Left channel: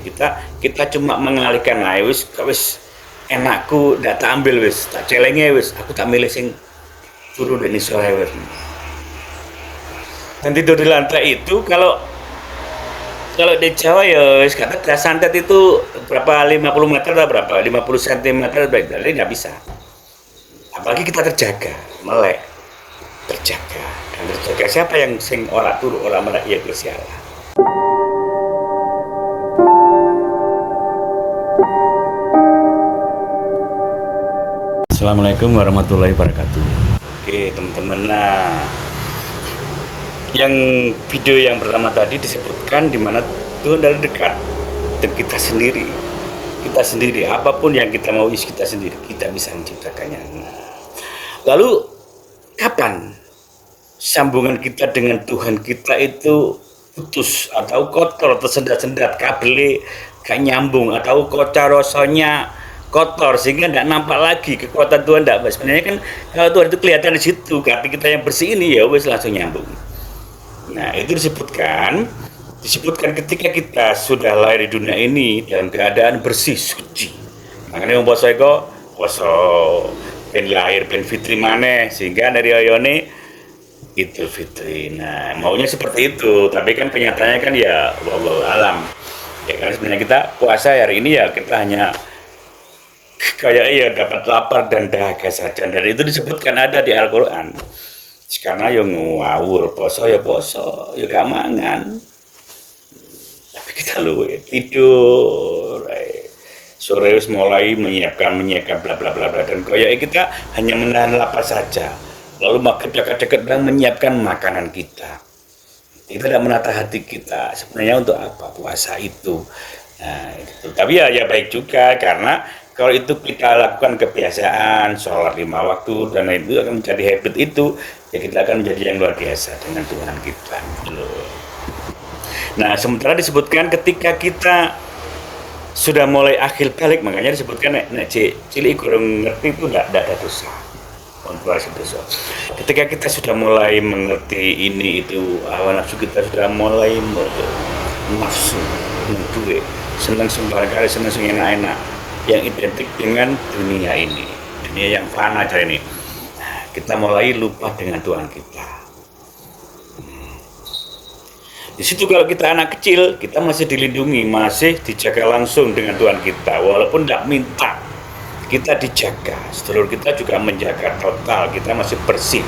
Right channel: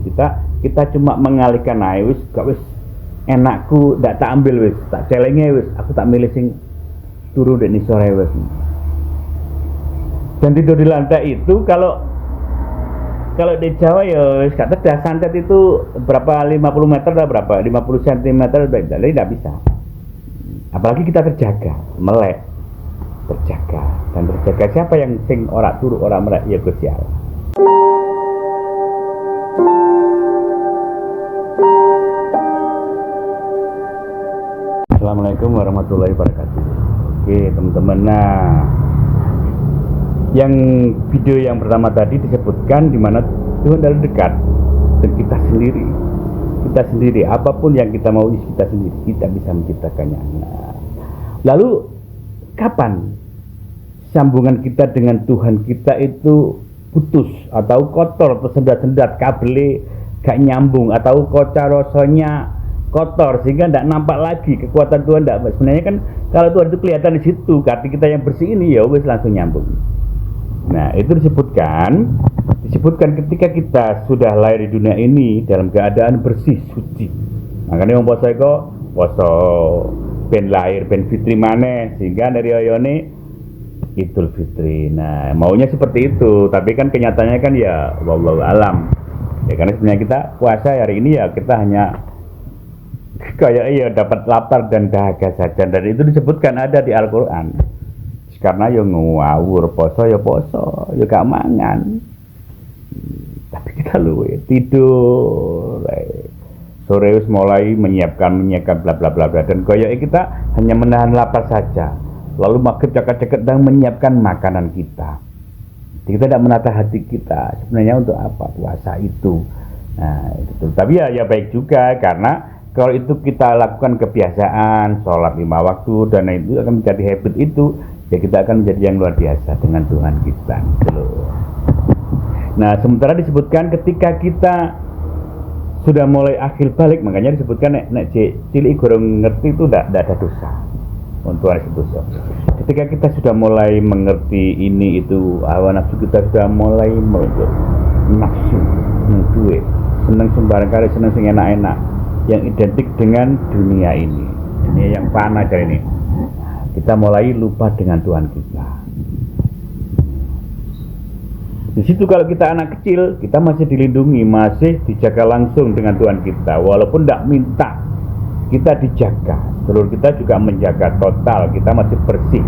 Kita cuma mengalihkan ae wis gak wis enakku ndak tak ambil wis tak celenge wis aku tak milih sing turu ndek sore wis. Dan tidur di lantai itu kalau di Jawa ya wis gak tegas, santet itu berapa 50 meter atau berapa 50 cm jadi nggak bisa. Apalagi kita terjaga, melek, terjaga dan terjaga. Siapa yang sing ora turu ora melek ya Gusti Allah. Assalamualaikum warahmatullahi wabarakatuh. Oke teman-teman, nah yang video yang pertama tadi disebutkan di mana Tuhan dari dekat dan kita sendiri apapun yang kita mau kita sendiri kita bisa menciptakannya. Nah, lalu kapan sambungan kita dengan Tuhan kita itu putus atau kotor, tersendat-sendat, kabelnya gak nyambung atau kocarosonya kotor sehingga tidak nampak lagi kekuatan Tuhan. Tidak, sebenarnya kan kalau Tuhan itu kelihatan di situ, hati kita yang bersih ini ya wes langsung nyambung. Nah itu disebutkan ketika kita sudah lahir di dunia ini dalam keadaan bersih suci. Makanya yang poso ben lahir ben fitri maneh sehingga dari oyone Idul Fitri. Nah maunya seperti itu, tapi kan kenyataannya kan ya wallahu alam. Ya karena sebenarnya kita puasa hari ini ya kita hanya kayak dapat lapar dan dahaga saja, dan itu disebutkan ada di Al-Quran. Karena yang ngawur poso ya gak mangan, tapi kita tidur sore wis mulai menyiapkan bla bla bla bla, dan kayak kita hanya menahan lapar saja, lalu maghrib dekat-dekat bang menyiapkan makanan kita tidak menata hati kita sebenarnya untuk apa puasa itu. Nah gitu. Tapi ya baik juga, karena kalau itu kita lakukan kebiasaan sholat 5 waktu dan itu akan menjadi habit itu, ya kita akan menjadi yang luar biasa dengan Tuhan kita. Nah sementara disebutkan ketika kita sudah mulai akhir balik, makanya disebutkan nek cilik gorong ngerti itu tidak ada dosa untuk dosa. Ketika kita sudah mulai mengerti ini itu, hawa nafsu kita sudah mulai nafsu duwe seneng sembarang kali, seneng enak-enak yang identik dengan dunia ini, dunia yang fana aja ini. Nah, kita mulai lupa dengan Tuhan kita. Di situ kalau kita anak kecil, kita masih dilindungi, masih dijaga langsung dengan Tuhan kita, walaupun tidak minta kita dijaga. Sedulur kita juga menjaga total, kita masih bersih,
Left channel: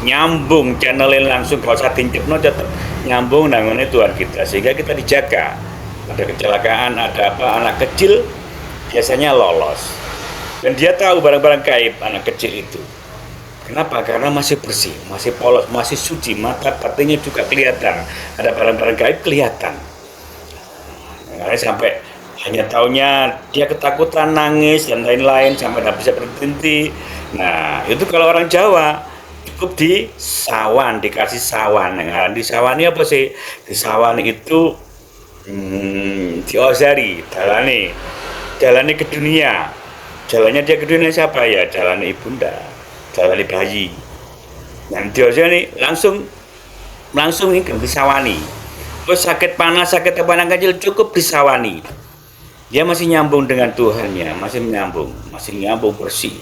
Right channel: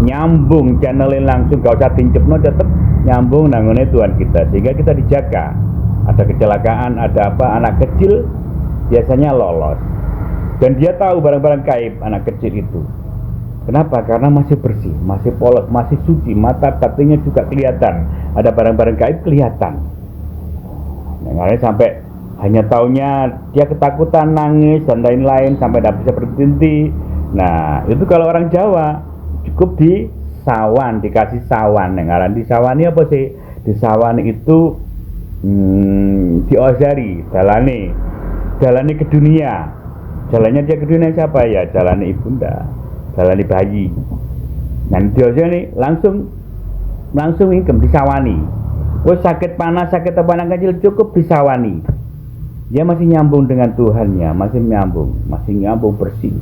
nyambung channelnya langsung, gak usah dincipno, tetap nyambung nanggungnya Tuhan kita, sehingga kita dijaga. Ada kecelakaan, ada apa, anak kecil biasanya lolos dan dia tahu barang-barang gaib anak kecil itu. Kenapa? Karena masih bersih, masih polos, masih suci, mata batinnya juga kelihatan, ada barang-barang gaib kelihatan. Makanya sampai hanya taunya dia ketakutan, nangis dan lain-lain sampai tidak bisa berhenti. Nah itu kalau orang Jawa cukup di sawan, dikasih sawan. Nah, di sawan ini apa sih? Di sawan itu diozari jalani ke dunia. Jalannya dia ke dunia siapa ya? Jalani ibunda, jalani bayi. Nanti aja nih langsung ini kan disawani. Wes sakit panas, sakit apa kecil cukup disawani. Dia masih nyambung dengan Tuhannya, masih nyambung bersih.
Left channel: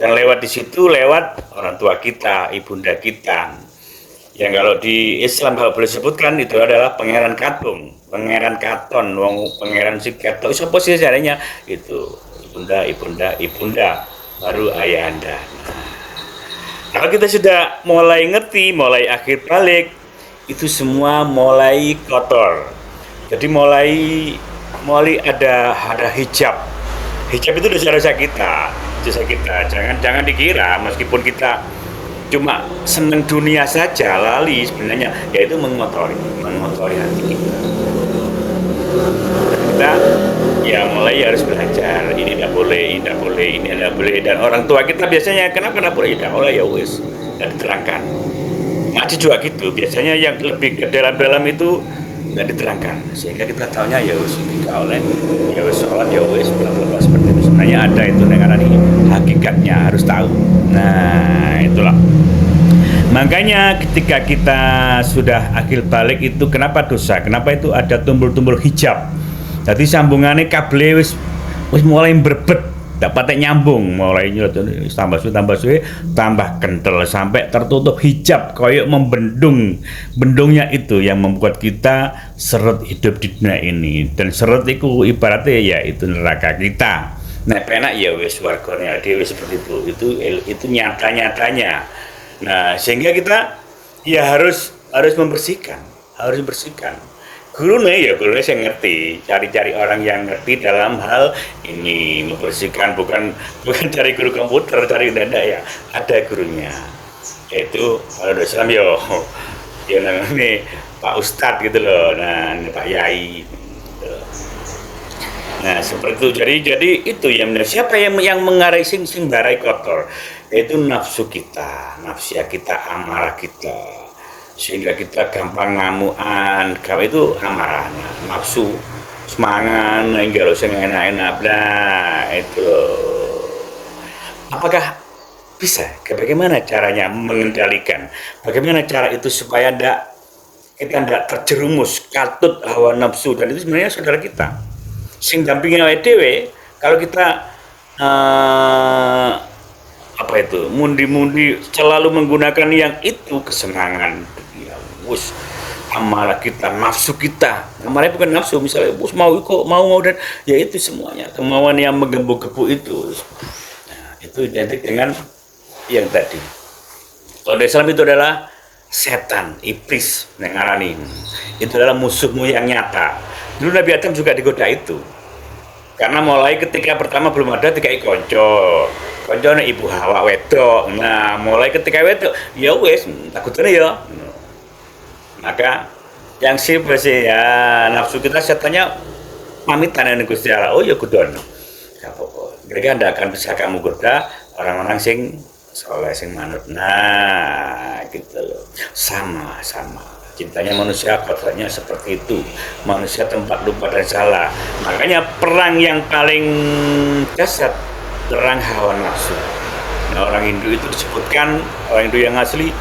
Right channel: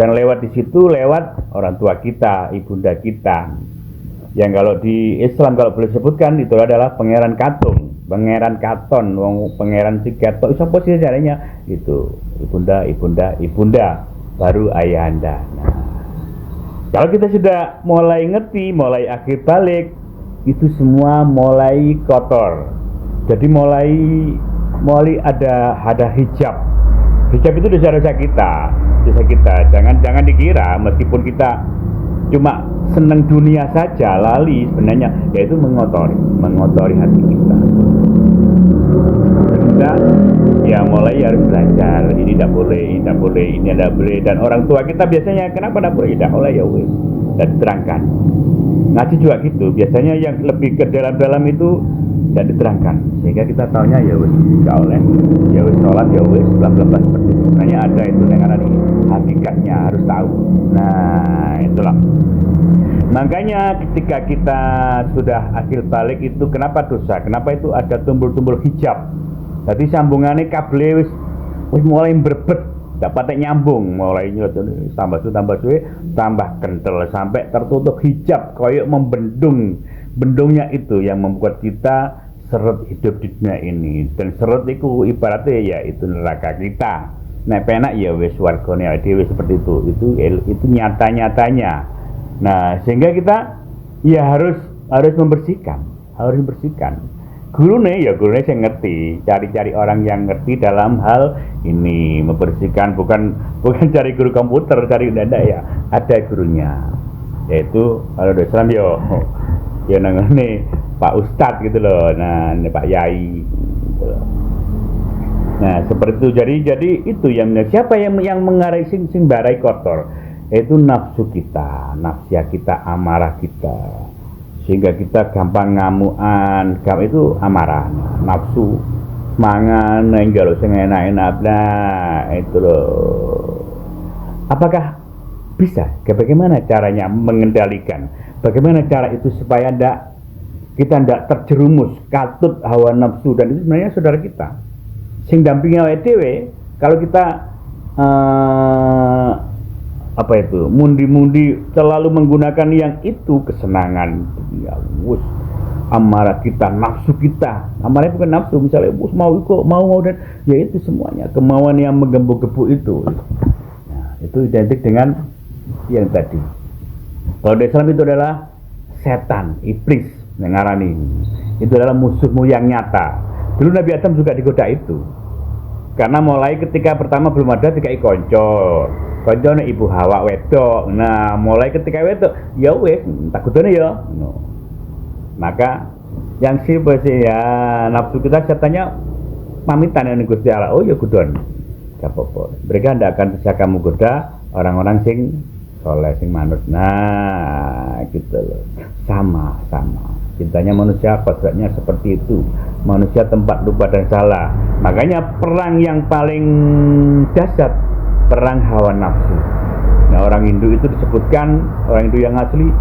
Dan lewat di situ lewat orang tua kita, ibunda kita. Yang kalau di Islam kalau boleh sebutkan itu adalah Pangeran Katon, Pangeran si Ketok, siapa sih caranya itu ibunda baru ayahanda. Nah, kalau kita sudah mulai ngerti, mulai akhir balik, itu semua mulai kotor. Jadi mulai ada hijab itu dosa-dosa kita. Jangan dikira meskipun kita cuma senang dunia saja lali, sebenarnya yaitu mengotori hati kita. Kita ya mulai harus belajar, ini tidak boleh, ini tidak boleh, dan orang tua kita biasanya kenapa tidak boleh, tidak boleh ya wis, tidak diterangkan. Ngaji juga gitu, biasanya yang lebih ke dalam itu tidak diterangkan, sehingga kita tahunya ya wis tidak oleh, ya wis sholat ya wis bla bla bla seperti itu. Sebenarnya ada itu dengan ini hakikatnya harus tahu. Nah itulah. Makanya ketika kita sudah akhir balik itu kenapa dosa? Kenapa itu ada tumbul-tumbul hijab? Jadi sambungannya kabel wis mulai berbet, dapat nyambung, mulai tambah suwe tambah kental sampai tertutup hijab koyok membendung. Bendungnya itu yang membuat kita seret hidup di dunia ini, dan seret itu ibaratnya ya itu neraka kita. Nek penak ya wis wargane dhewe seperti itu nyata-nyatanya. Nah, sehingga kita ya harus membersihkan. Gurunya saya ngerti, cari orang yang ngerti dalam hal ini, membersihkan, bukan cari guru komputer, cari dada ya, ada gurunya, yaitu kalau udah Islam yo namanya Pak Ustadz gitu loh, nah Pak Yai gitu loh. Nah seperti itu, jadi itu yang siapa yang mengarai sing barai kotor, yaitu nafsu kita, nafsia kita, amarah kita, sehingga kita gampang ngamuan. Itu amarah, nafsu, semangat, enggak sing enak-enak, nah itu loh. Apakah bisa? Bagaimana caranya mengendalikan? Bagaimana cara itu supaya kita tidak terjerumus katut hawa nafsu, dan itu sebenarnya saudara kita. Sing dampingi awake dhewe, kalau kita mundi-mundi selalu menggunakan yang itu, kesenangan dunia, amarah kita, nafsu kita, amarahnya bukan nafsu, misalnya mau dan ya itu semuanya kemauan yang menggebu-gebu itu. Nah, itu identik dengan yang tadi. Kalau di Islam itu adalah setan, iblis, ngarani. Itu adalah musuhmu yang nyata. Dulu Nabi Adam juga digoda itu. Karena mulai ketika pertama belum ada dikai konco ibu Hawa wedok. Nah, mulai ketika wedok, ya wes takutnya ya. Maka yang ya nafsu kita setannya pamitan dengan Gusti Allah. Oh ya gudon. Gak apa-apa. Mereka tidak akan bisa kamu goda orang-orang sing soleh, sing manut. Nah, gitu loh. Sama. Cintanya manusia, kodratnya seperti itu. Manusia tempat lupa dan salah. Makanya perang yang paling dahsyat, perang hawa nafsu. Nah, orang Hindu itu disebutkan, orang Hindu yang asli,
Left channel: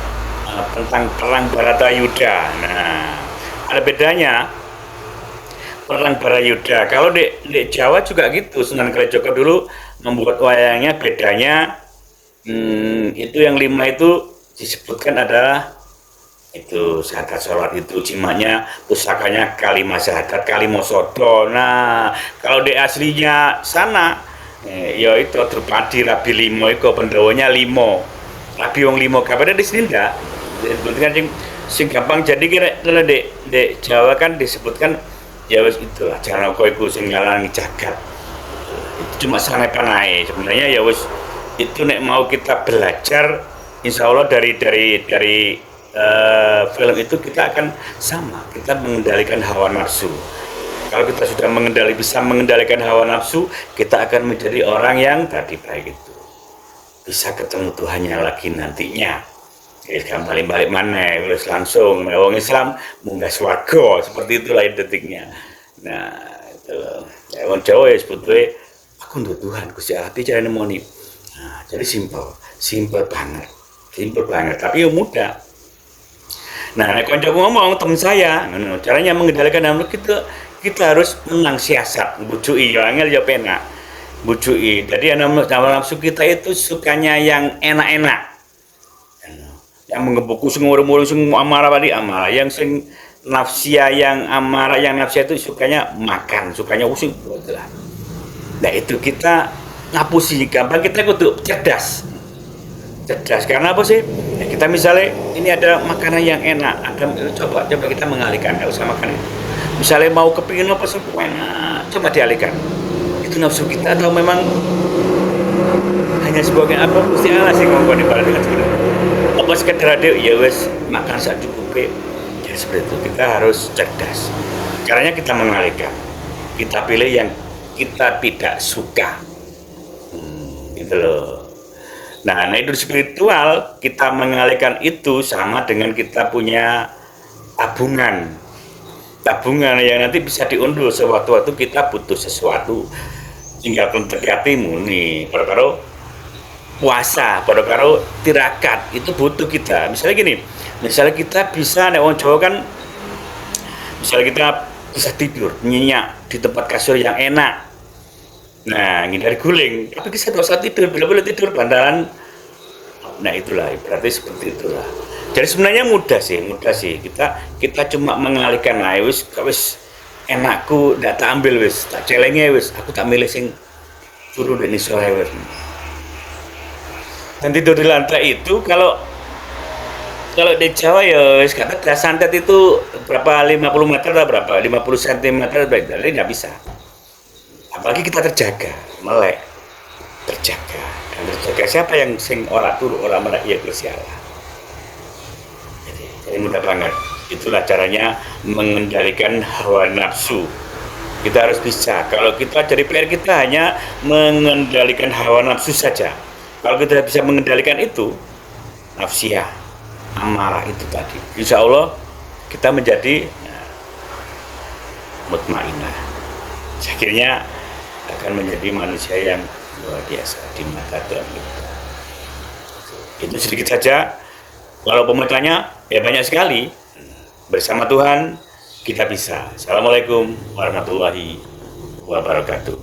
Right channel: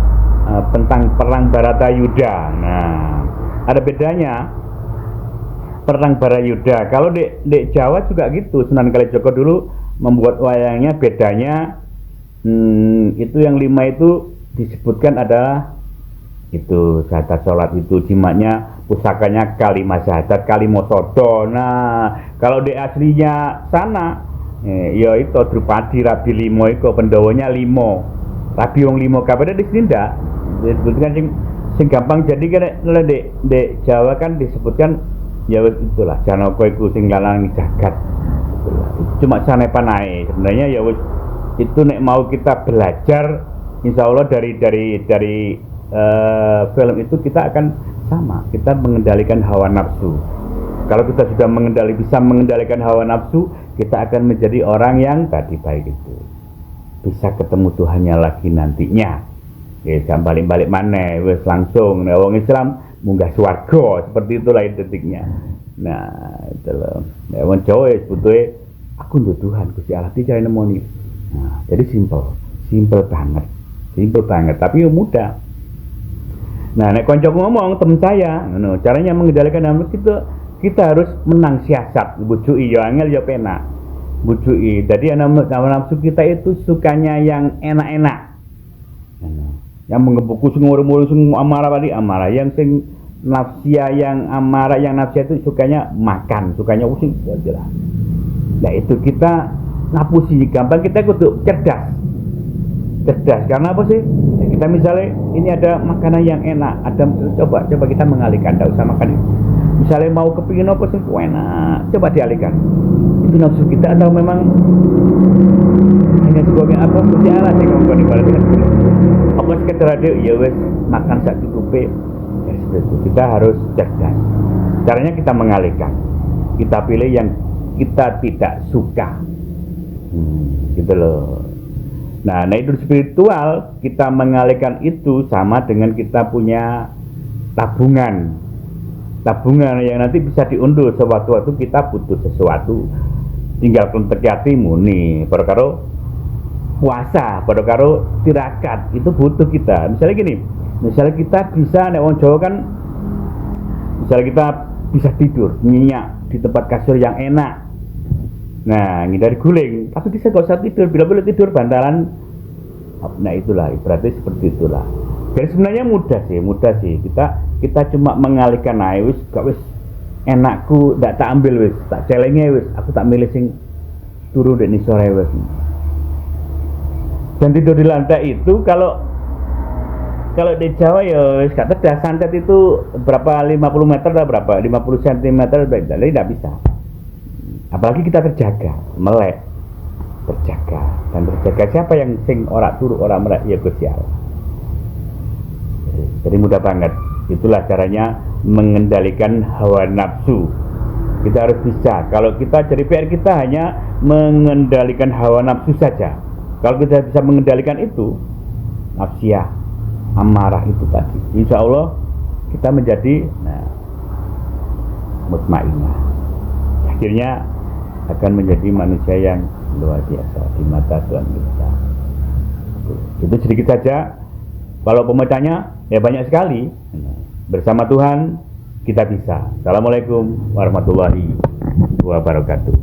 tentang perang Baratayuda. Nah, ada bedanya perang Baratayuda. Kalau di Jawa juga gitu. Sunan Kalijogo dulu membuat wayangnya, bedanya itu yang 5 itu disebutkan adalah itu syahadat sholat, itu jimatnya, pusakanya kalimat syahadat, kalimat sodo. Nah, kalau di aslinya sana ya itu Drupadi Rabi Limo itu pendawanya Limo, Rabi wong Limo, kabarnya di sini ndak disebutkan sing gampang. Jadi kalau di Jawa kan disebutkan ya wis itulah Janaka iku sing ngalangi jagat. Itu cuma sanepan ae sebenarnya, ya wis itu nek mau kita belajar insya Allah dari film itu kita akan sama, kita mengendalikan hawa nafsu. Kalau kita sudah bisa mengendalikan hawa nafsu, kita akan menjadi orang yang tadi baik itu bisa ketemu Tuhannya lagi nantinya. Jadi kan balik mana, terus langsung wong Islam munggah swarga, seperti itulah detiknya. Nah, itu loh. Ya wong Jawa sebetulnya aku untuk Tuhan Gusti Allah cara nemoni. Nah, jadi simple banget, tapi ya mudah. Nah, nek koncoku ngomong temen saya, caranya mengendalikan nafsu kita harus menang siasat, bujuki ya angel ya penak. Bujuki. Jadi nafsu kita itu sukanya yang enak-enak. Yang menggebuku sing ngurung-ngurung sing amarah, yang sing nafsia yang amarah, yang nafsia itu sukanya makan, sukanya using itulah. Nah, itu kita ngapusi, gampang kita kudu cerdas karena apa sih? Ya, kita misalnya ini ada makanan yang enak, coba kita mengalihkan, nggak usah makan. Misalnya mau kepingin apa sih enak, coba dialihkan. Itu nafsu kita atau memang hanya sebagai apa Gusti Allah sih ngomong dengan seperti itu. Apa sekedar ada ya wes makan sak cukupe. Ya seperti itu. Kita harus cerdas. Caranya kita mengalihkan. Kita pilih yang kita tidak suka. Gitu loh. Nah, itu spiritual, kita mengalihkan itu sama dengan kita punya tabungan yang nanti bisa diunduh sewaktu-waktu kita butuh sesuatu. Tinggal kontak hatimu nih, pada puasa, pada tirakat itu butuh kita. Misalnya gini, misalnya kita bisa nek wong Jawa kan, misalnya kita bisa tidur nyenyak di tempat kasur yang enak. Nah, ngindari guling, tapi kita tidak usah tidur. Bila boleh tidur bantalan. Nah, itulah berarti seperti itulah. Jadi sebenarnya mudah sih. Kita cuma mengalihkan, nah wis gak wis enakku ndak tak ambil wis, tak celenge wis, aku tak milih sing turu di sore wis. Dan tidur di lantai itu kalau di Jawa ya wis gak ada, santet itu berapa 50 meter atau berapa 50 cm jadi nggak bisa. Apalagi kita terjaga, melek, terjaga dan terjaga. Siapa yang sing ora turu ora melek ya Gusti Allah. Jadi mudah banget. Itulah caranya mengendalikan hawa nafsu. Kita harus bisa. Kalau kita jadi PR kita hanya mengendalikan hawa nafsu saja. Kalau kita bisa mengendalikan itu, nafsiyah, amarah itu tadi, insya Allah kita menjadi mutmainah. Akhirnya akan menjadi manusia yang luar biasa di mata Tuhan kita. Itu sedikit saja. Kalau pemerintahnya ya banyak sekali. Bersama Tuhan kita bisa. Assalamualaikum warahmatullahi wabarakatuh.